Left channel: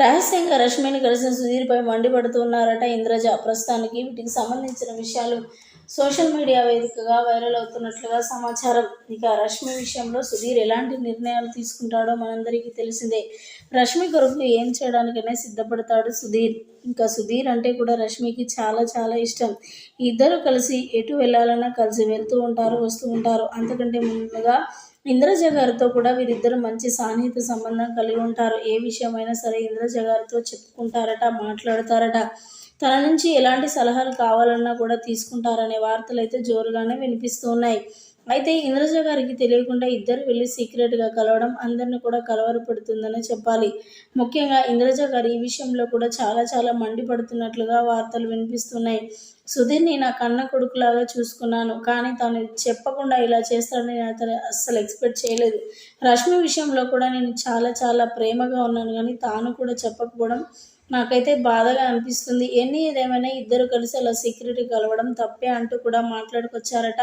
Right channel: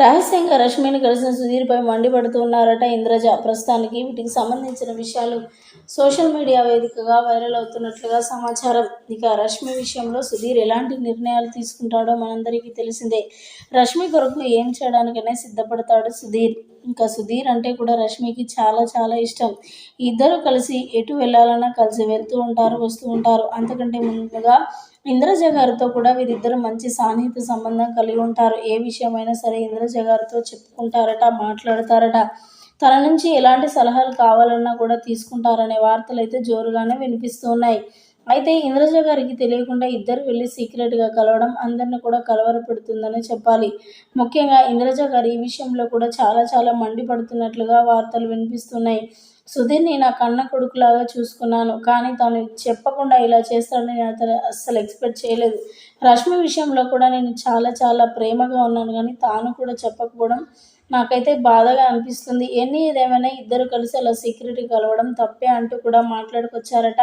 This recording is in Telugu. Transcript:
రహస్యంగా రష్మిని కలిసిన సుధీర్పై మండిపడుతున్నారట ఇంద్రజ. ప్రస్తుతానికి వీటికి సంబంధించిన విషయాలు సోషల్ మీడియా వేదికగా వైరల్ అవుతున్నట్లుగా సమాచారం. ఇక రష్మి విషయంలో సుధీర్ ఎలాంటి నిర్ణయాలు తీసుకుంటాడో మనందరికీ తెలిసిందే. రష్మి కొరకు ఏం చేయడానికైనా సిద్ధపడతాడు సుధీర్. ఇంకా సుధీర్ అంటే కూడా రష్మికి చాలా చాలా ఇష్టం. ఇద్దరు కలిసి ఎటు వెళ్ళాలన్నా కలిసి వెళ్తూ ఉంటారు వస్తూ ఉంటారు. అంతకంటే ముందుగా ఇంద్రజ గారితో కూడా వీరిద్దరు మంచి సాన్నిహిత సంబంధం కలిగి ఉంటారు. ఏ విషయమైనా సరే ఇంద్రజ గారితో చెప్పుకుంటారట మాట్లాడతారట. తన నుంచి ఎలాంటి సలహాలు కావాలన్నా కూడా తీసుకుంటారనే వార్తలు అయితే జోరుగానే వినిపిస్తూ ఉన్నాయి. అయితే ఇంద్రజ గారికి తెలియకుండా ఇద్దరు వెళ్ళి సీక్రెట్గా కలవడం అందరిని కూడా కలవరపెడుతుందని చెప్పాలి. ముఖ్యంగా ఇంద్రజ గారు ఈ విషయంలో కూడా చాలా చాలా మండిపడుతున్నట్లుగా వార్తలు వినిపిస్తున్నాయి. సుధీర్ని నా కన్న కొడుకులాగా చూసుకున్నాను కానీ తను చెప్పకుండా ఇలా చేస్తాడని నేను అతను అస్సలు ఎక్స్పెక్ట్ చేయలేదు. రష్మి విషయంలో కూడా నేను చాలా చాలా ప్రేమగా ఉన్నాను కానీ తాను కూడా చెప్పకపోవడం నాకైతే బాధగా అనిపిస్తుంది. ఎన్ని ఏదేమైనా ఇద్దరు కలిసి అలా సీక్రెట్ కలవడం తప్పే అంటూ కూడా మాట్లాడుకొచ్చారట.